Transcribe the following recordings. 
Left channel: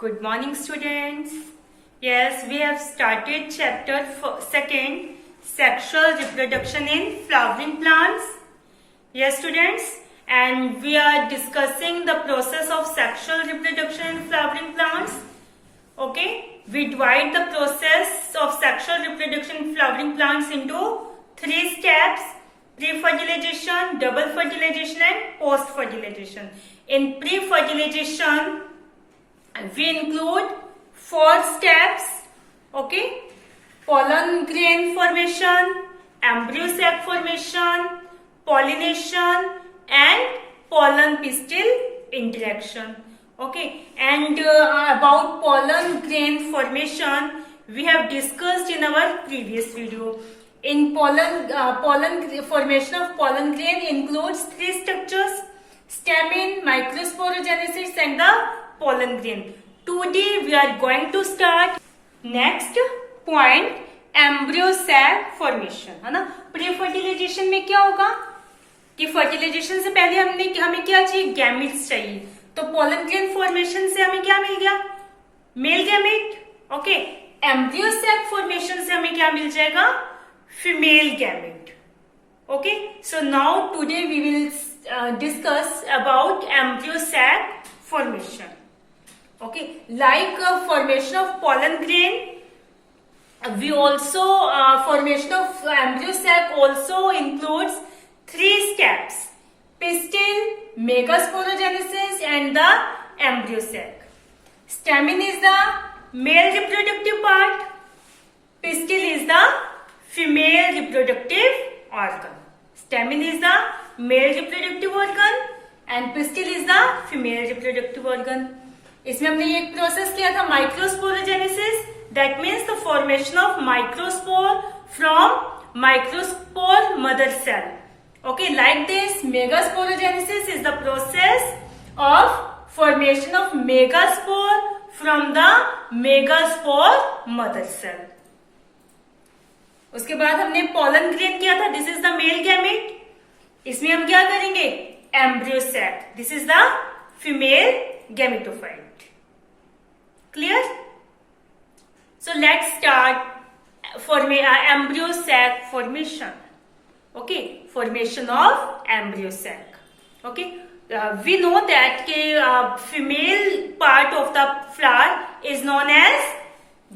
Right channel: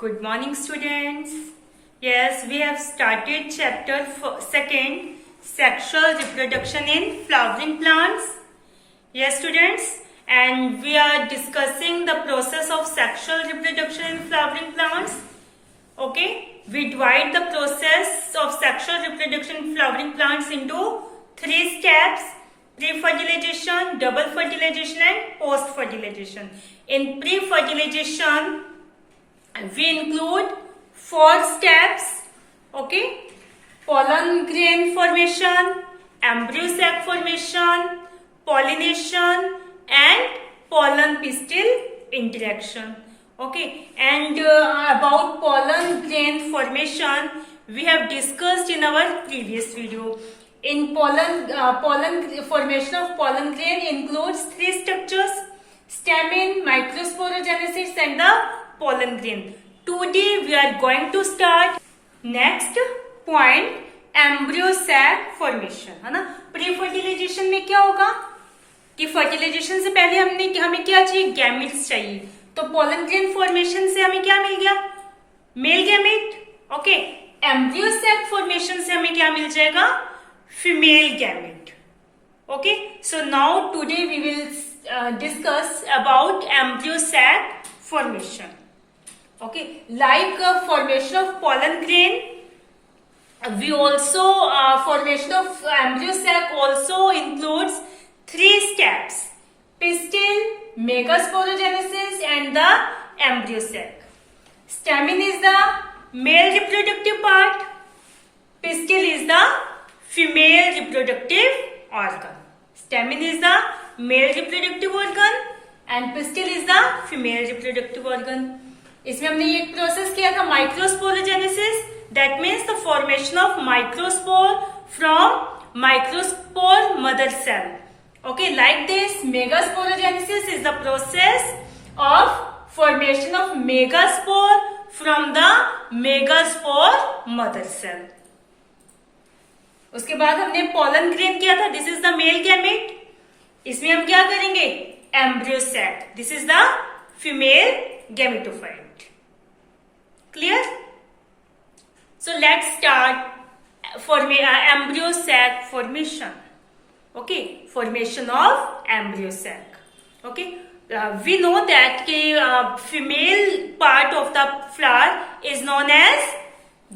Good morning, students. Yes, we have started chapter 2nd, sexual reproduction in flowering plants. Yes, students, and we are discussing the process of sexual reproduction in flowering plants. Okay, we divide the process of sexual reproduction in flowering plants into 3 steps: pre-fertilization, double fertilization, and post-fertilization. In pre-fertilization, we include 4 steps. Okay, pollen grain formation, embryo sac formation, pollination, and pollen pistil interaction. Okay, and about pollen grain formation we have discussed in our previous video. In formation of pollen grain includes 3 structures: stamen, microsporogenesis, and the pollen grain. Today we are going to start next point, embryo sac formation, है ना. Pre fertilisation में क्या होगा कि fertilisation से पहले हमें क्या चाहिए, गैमेट्स चाहिए. तो पोलन ग्रेन फॉर्मेशन से हमें क्या मिल गया, male gamete. Okay, embryo sac formation से हमें क्या मिल जाएगा, female gamete. Okay, so now today we will discuss about embryo sac formation. Okay, like formation of pollen grain, we also formation of embryo sac also includes 3 steps: pistil, megasporogenesis, and the embryo sac. Stamen is the male reproductive part, pistil is the female reproductive organ. Stamen is the male reproductive organ and pistil is the female reproductive organ. इसमें हमने एक process किया था, microsporogenesis. That means the formation of microspore from microspore mother cell. Okay, like this megasporogenesis is the process of formation of megaspore from the megaspore mother cell. उसके बाद हमने pollen grain किया था. This is the male gamete. इसमें हम क्या करेंगे, embryo sac. This is the female gametophyte. Clear? So let's start embryo sac formation. Okay, formation of embryo sac. Okay, we know that female part of the flower is known as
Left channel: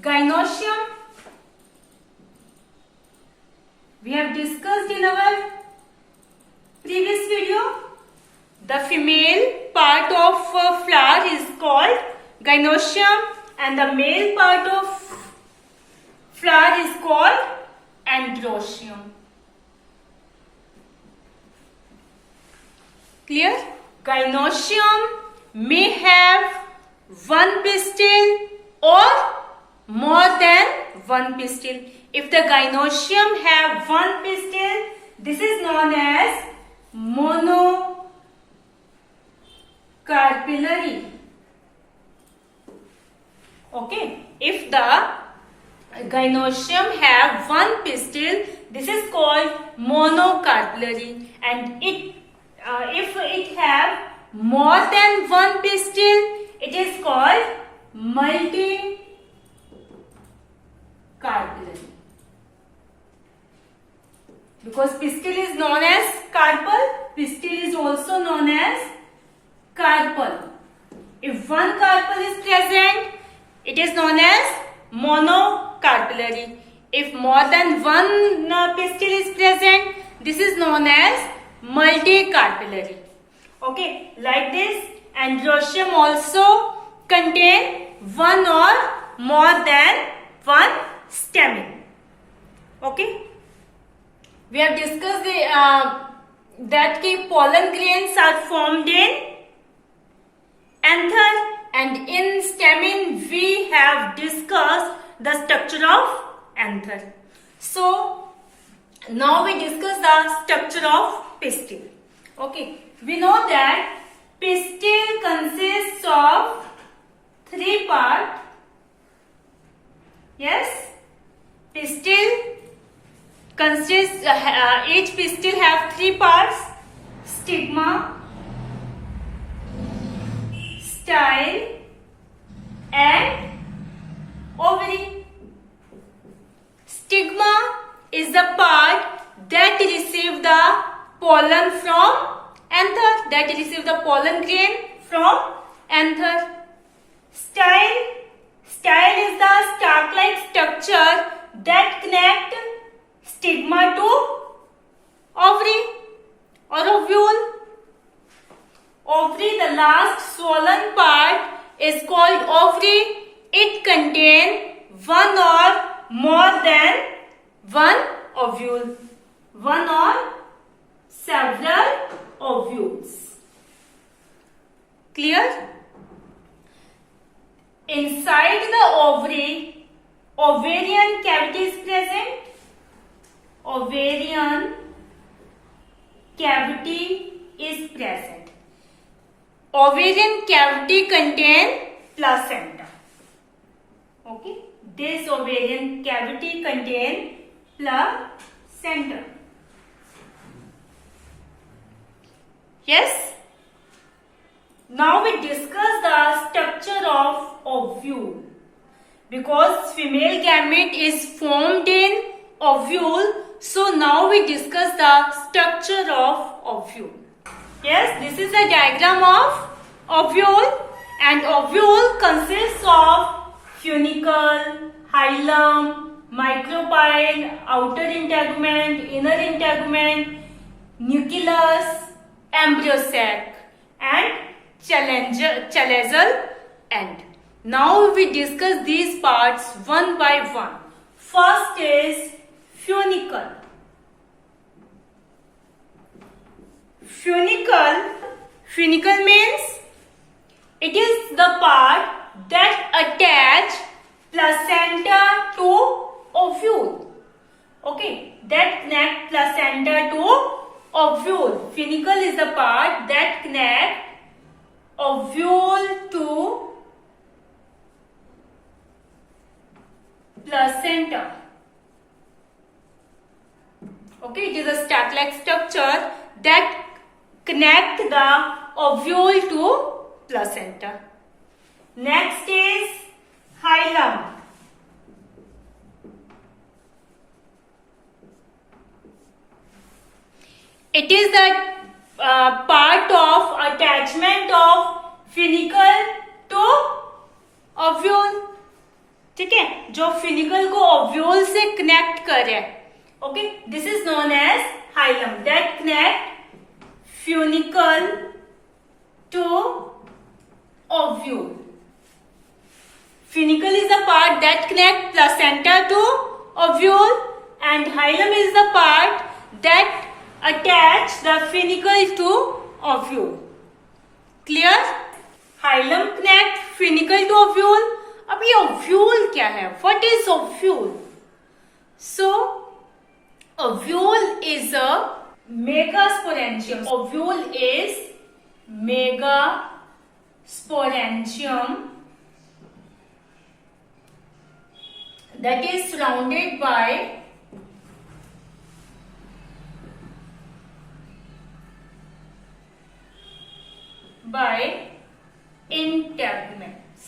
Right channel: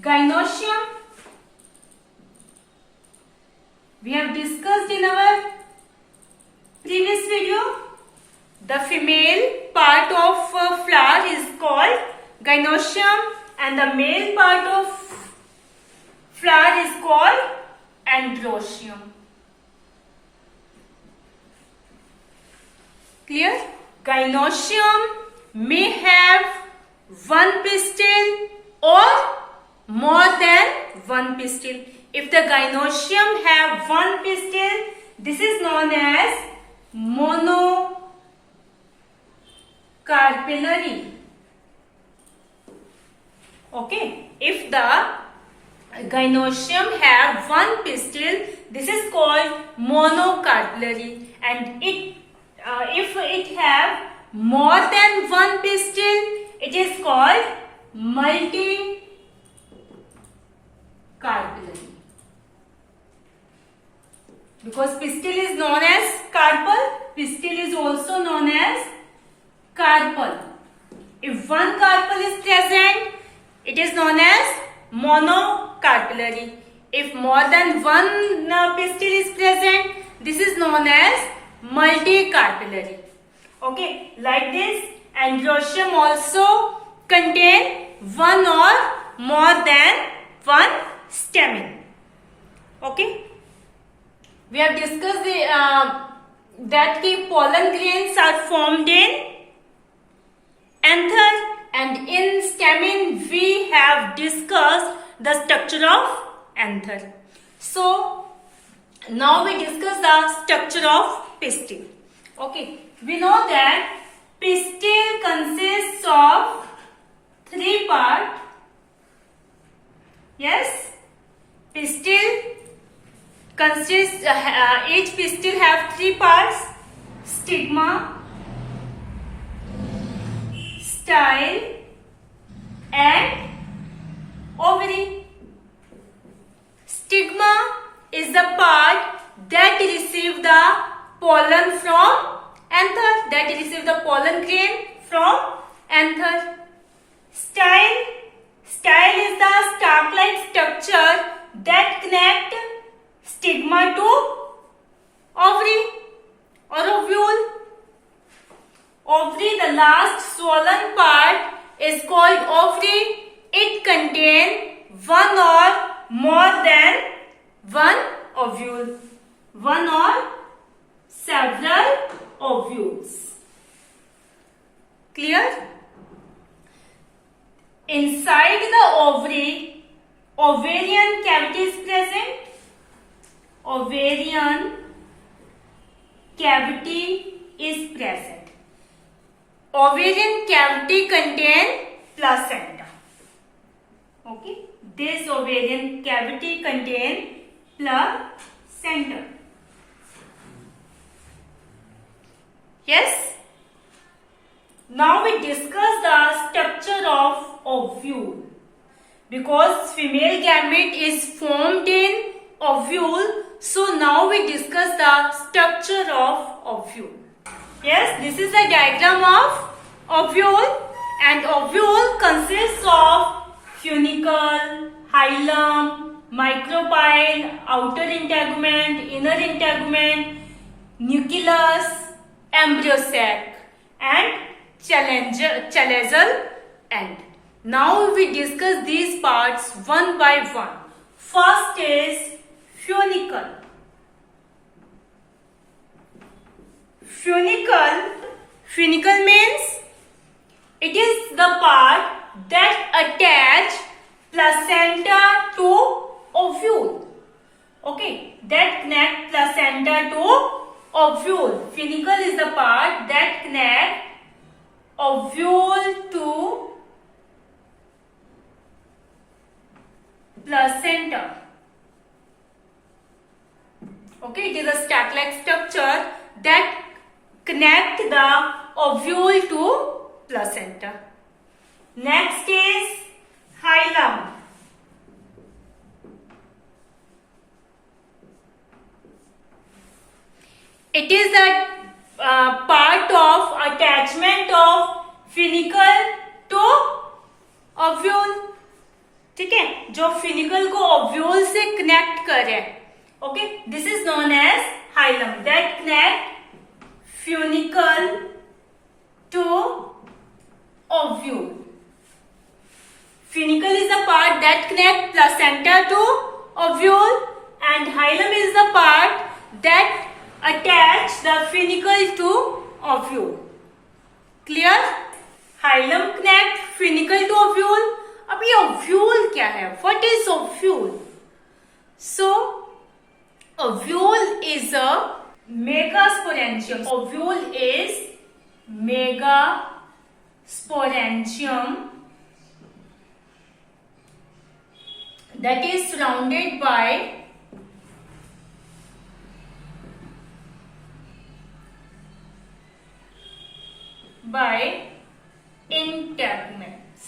gynoecium. We have discussed in our previous video. The female part of flower is called gynoecium and the male part of flower is called androecium. Clear? Gynoecium may have 1 pistil or more than 1 pistil. If the gynoecium have 1 pistil, this is known as monocarpellary. Okay, if the gynoecium have 1 pistil, this is called monocarpellary, and if it have more than 1 pistil, it is called multicarpellary. Because pistil is known as carpel, pistil is also known as carpel. If 1 carpel is present, it is known as monocarpellary. If more than 1 pistil is present, this is known as multicarpellary. Okay, like this, androecium also contain 1 or more than 1 stamen. Okay, we have discussed that pollen grains are formed in anther, and in stamen we have discussed the structure of anther. So now we discuss the structure of pistil. Okay, we know that pistil consists of 3 parts. Yes, pistil consists each pistil have 3 parts: stigma, style, and ovary. Stigma is the part that receive the pollen from anther, that receive the pollen grain from anther. Style is the stalk-like structure that connect stigma to ovary or ovule. Ovary, the last swollen part, is called ovary. It contains one or more than one ovule, one or several ovules. Clear? Inside the ovary, ovarian cavity is present. Ovarian cavity is present. Ovarian cavity contains placenta. Okay, this ovarian cavity contains placenta. Yes? Now we discuss the structure of ovule. Because female gamete is formed in ovule, so now we discuss the structure of ovule. Yes, this is a diagram of ovule, and ovule consists of funicle, hilum, micropyle, outer integument, inner integument, nucleus, embryo sac, and chalazal end. Now we discuss these parts one by one. First is funicle. Funicle means it is the part that attach placenta to ovule. Okay, that connect placenta to ovule. Funicle is the part that connect ovule to placenta. Okay, it is a stalk-like structure that connect the ovule to placenta. Next is hilum. It is the part of attachment of funicle to ovule. ठीक है, जो फिनिकल को ovule से connect कर रहे हैं. Okay, this is known as hilum that connect funicle to ovule. Funicle is the part that connect placenta to ovule, and hilum is the part that attach the funicle to ovule. Clear? Hilum connect funicle to ovule. अब ये ovule क्या है? What is ovule? So, ovule is a megasporangium. Ovule is megasporangium that is surrounded by integuments.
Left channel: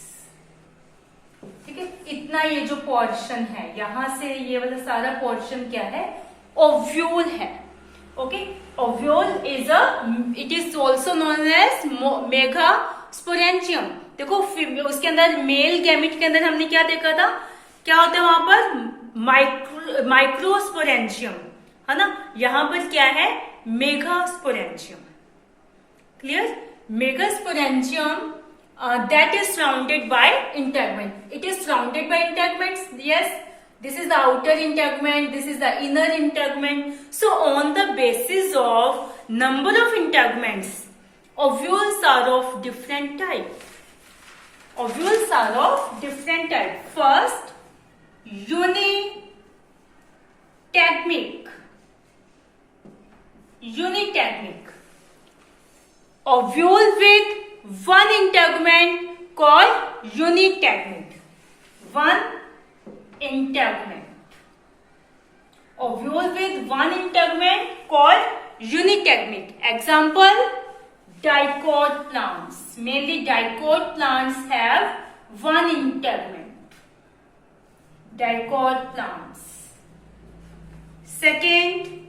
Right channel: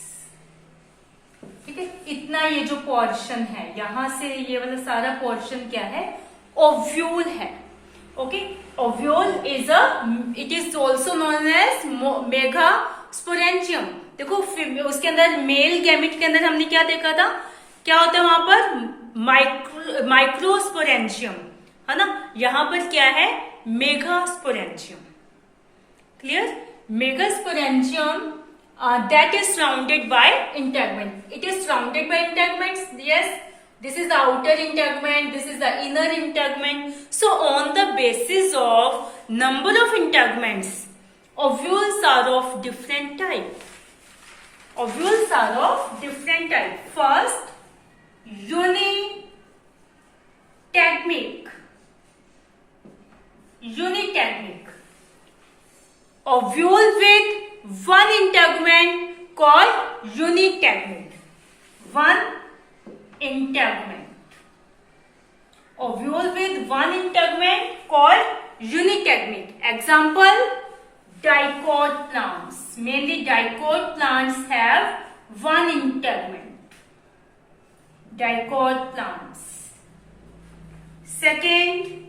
ठीक है, इतना ये जो portion है यहां से ये वाला सारा पोर्शन क्या है? ओव्यूल है. Okay, ovule is it is also known as megasporangium. देखो उसके अंदर मेल गैमेट के अंदर हमने क्या देखा था? क्या होता है वहां पर? माइक्रोस्पोरेंजियम है ना. यहां पर क्या है? Megasporangium. Clear? Megasporangium that is surrounded by integument. It is surrounded by integuments. Yes, this is the outer integument, this is the inner integument. So on the basis of number of integuments, ovules are of different type. Ovules are of different type. First, unitegmic. Unitegmic. Ovule with one integument called unitegment. One integument. Ovule with one integument called unitegment. Example, dicot plants. Mainly dicot plants have one integument, dicot plants. Second,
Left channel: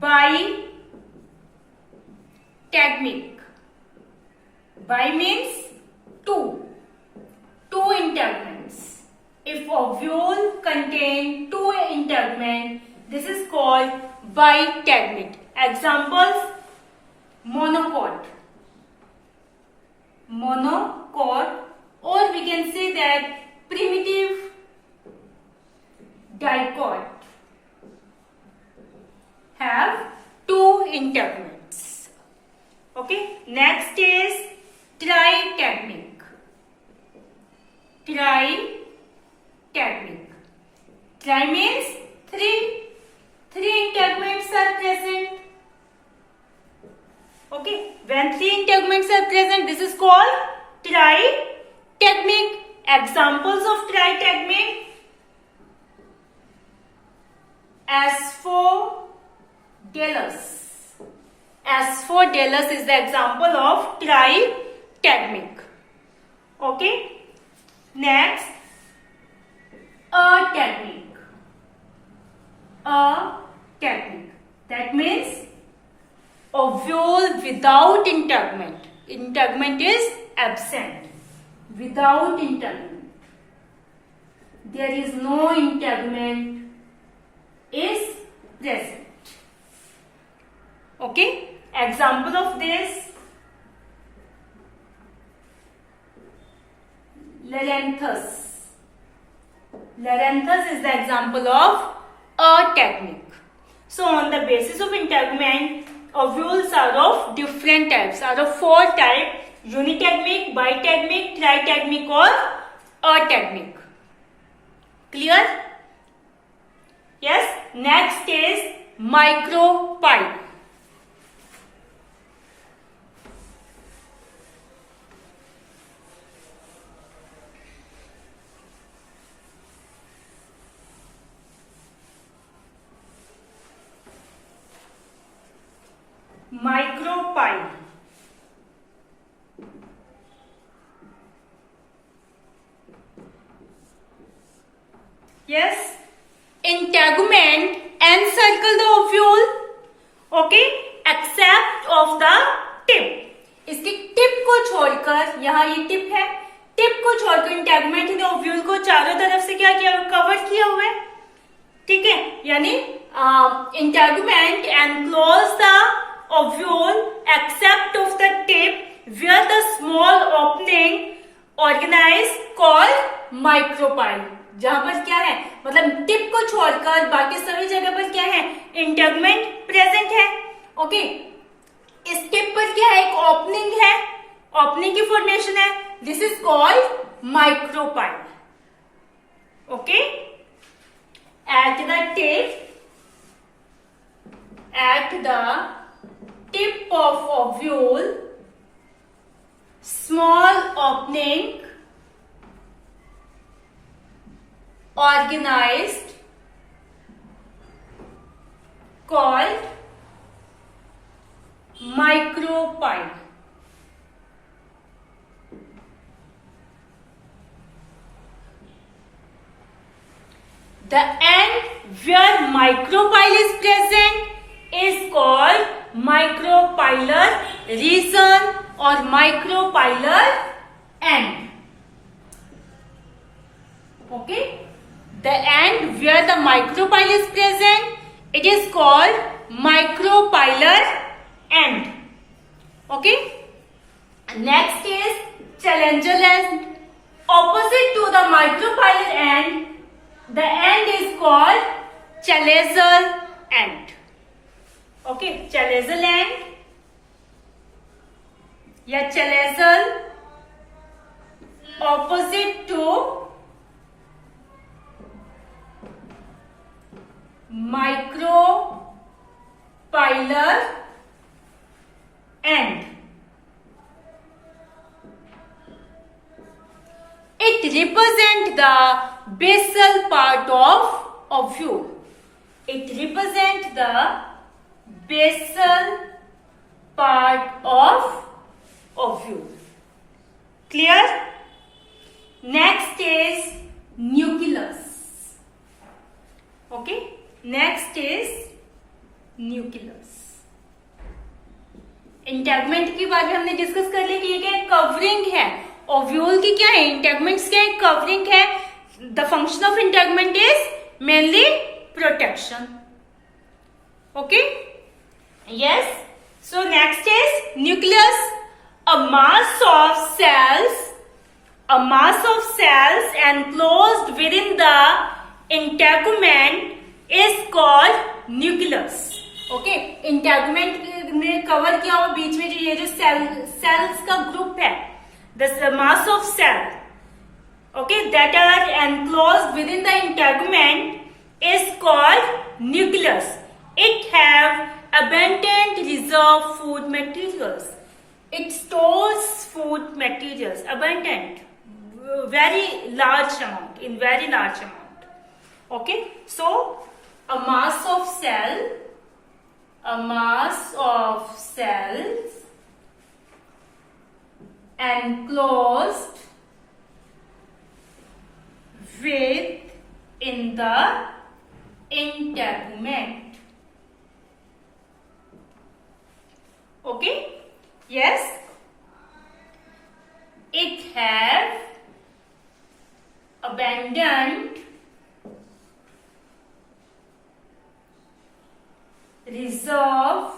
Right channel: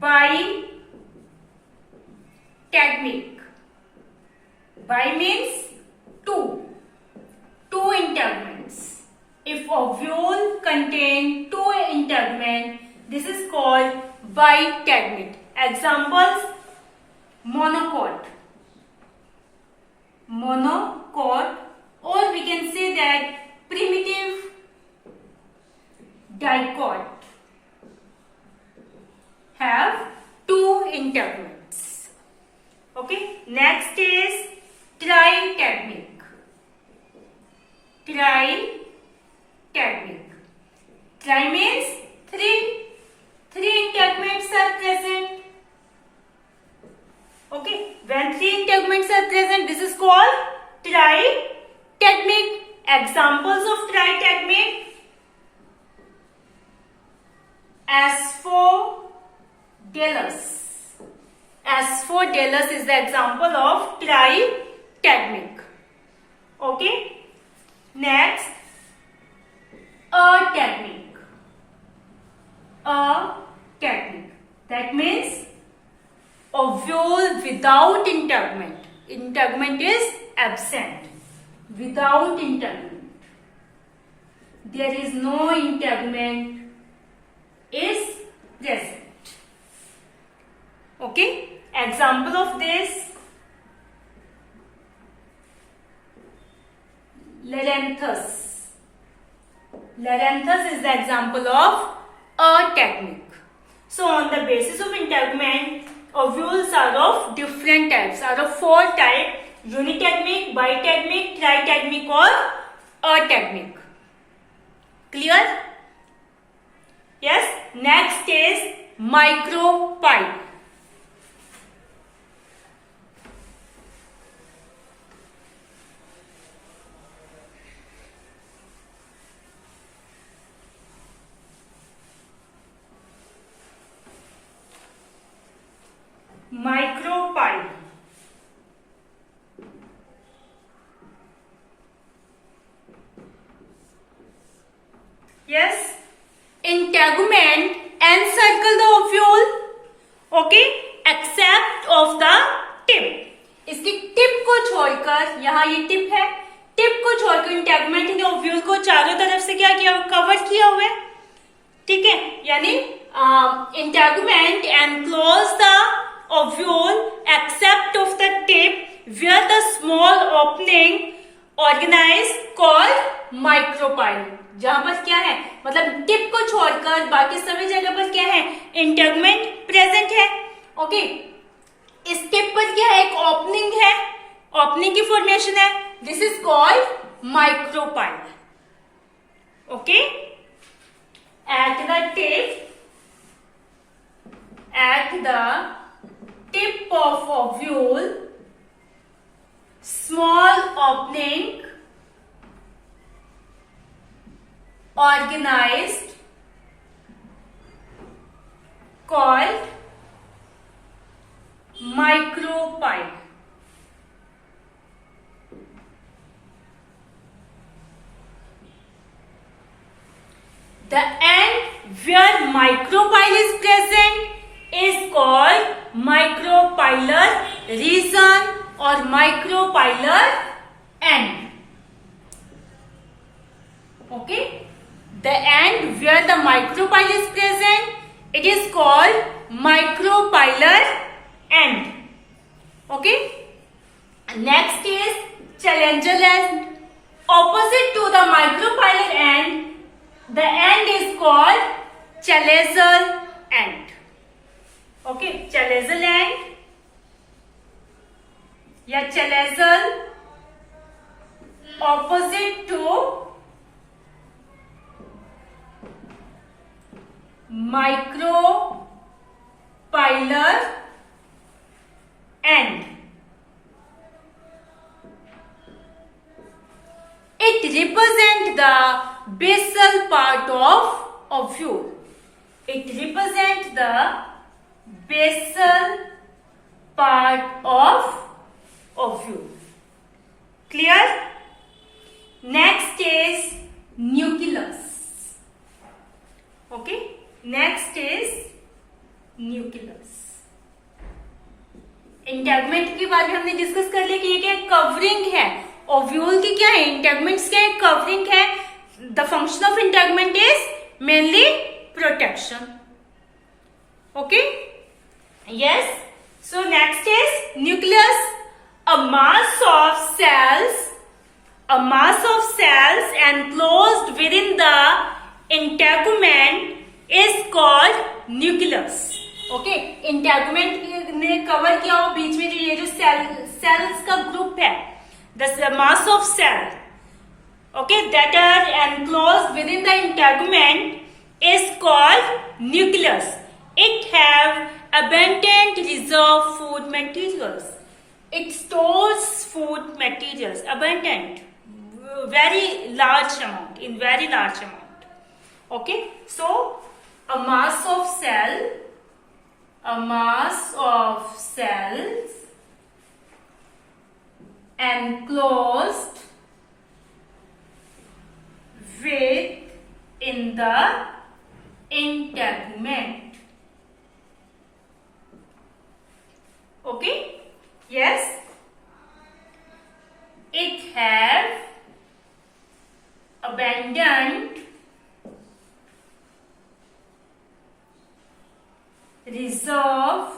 bitegmic. Bi means two integuments. If ovule contain two integuments, this is called bitegmic. Examples: monocot, or we can say that primitive dicot have two integuments. Okay, next is tritegmic. Tri means three integuments are present. Okay, when three integuments are present, this is called tritegmic. Examples of tritegmic: Asphodelus. Asphodelus is the example of tritegmic. Okay, next, ategmic. That means ovule without integument. Integument is absent. Without integument, there is no integument is present. Okay, example of this: Loranthus. Loranthus is the example of ategmic. So on the basis of integument, ovules are of different types, are of four types: unitegmic, bitegmic, tritegmic or ategmic. Clear? Yes. Next is micropyle. Micropyle. Yes, integument encircle the ovule, okay, except of the tip. इसकी tip को छोड़कर, यहाँ ये tip है, tip को छोड़कर integument ने ovule को चारों तरफ से क्या किया, कवर किया हुआ है. ठीक है, यानी integument enclose the ovule except of the tip where the small opening organized called micropyle. जहां पर क्या है, मतलब टिप को छोड़कर बाकी सभी जगह पर क्या है, इंटेगुमेंट प्रेजेंट है. ओके, इस टिप पर क्या है, एक ओपनिंग है, ओपनिंग की फॉर्मेशन है. This is called micropyle. Okay, at the tip of ovule, small opening organized called micropyle. The end where micropyle is present is called micropylar region or micropylar end. Okay, the end where the micropyle is present, it is called micropylar end. Okay, next is challenger end. Opposite to the micropylar end, the end is called chalazal end. Okay, chalazal end या chalazal opposite to micropylar end. It represents the basal part of ovule. It represents the basal part of ovule. Clear? बारे में हमने discuss कर लिया कि ये क्या है, कवरिंग है। ओव्यूल की क्या है, इंटेगमेंट्स क्या है, कवरिंग है। The function of integument is mainly protection. Okay, yes. So next is nucleus, a mass of cells enclosed within the integument is called nucleus. Okay, integument ने कवर किया हो बीच में जो ये जो सेल्स का ग्रुप है, the mass of cell, okay, that are enclosed with in the integument is called nucleus. It have abundant reserve food materials. It stores food materials, abundant, very large amount, in very large amount. Okay, so a mass of cells enclosed within the integument. Okay, yes. It have abundant reserve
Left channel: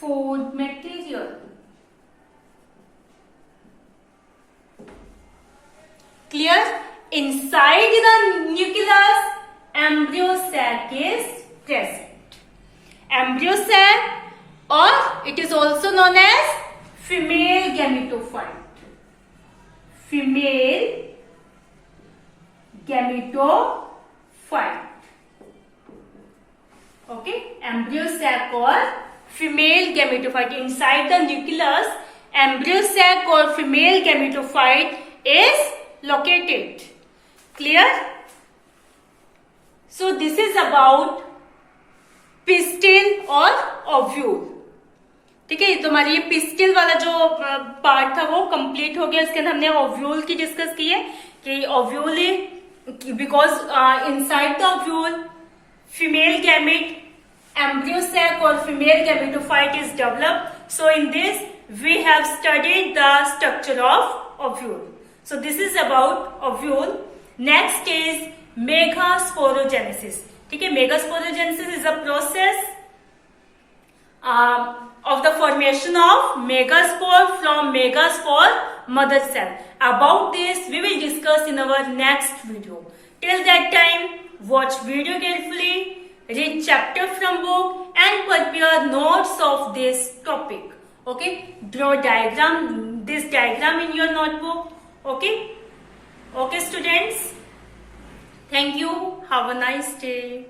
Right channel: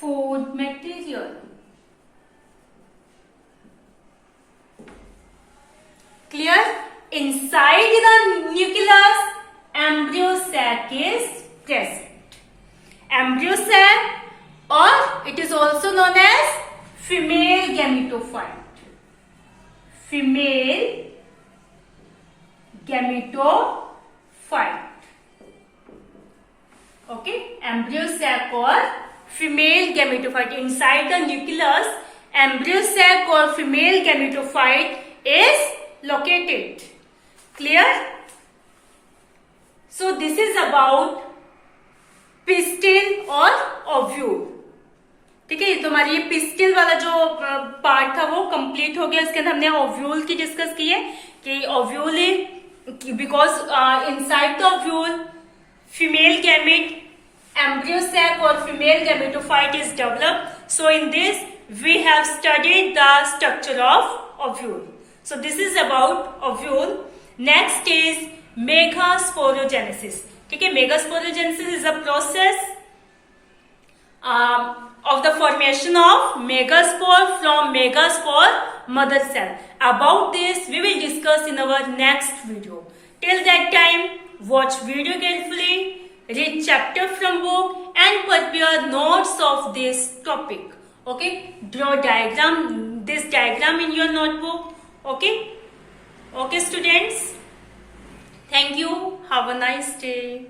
food material. Clear? Inside the nucleus, embryo sac is present. Embryo sac, or it is also known as female gametophyte. Female gametophyte. Okay, embryo sac or female gametophyte. Inside the nucleus, embryo sac or female gametophyte is located. Clear? So this is about pistil or ovule. ठीक है, तो हमारी ये pistil वाला जो part था वो complete हो गया. इसके अंदर हमने ओव्यूल की डिस्कस की है कि ovule because inside the ovule female gamete, embryo sac or female gametophyte is developed. So in this we have studied the structure of ovule. So this is about ovule. Next is megasporogenesis. ठीक है, megasporogenesis is a process of the formation of megaspore from megaspore mother cell. About this we will discuss in our next video. Till that time, watch video carefully, read chapter from book and prepare notes of this topic. Okay, draw this diagram in your notebook. Okay, students, thank you, have a nice day.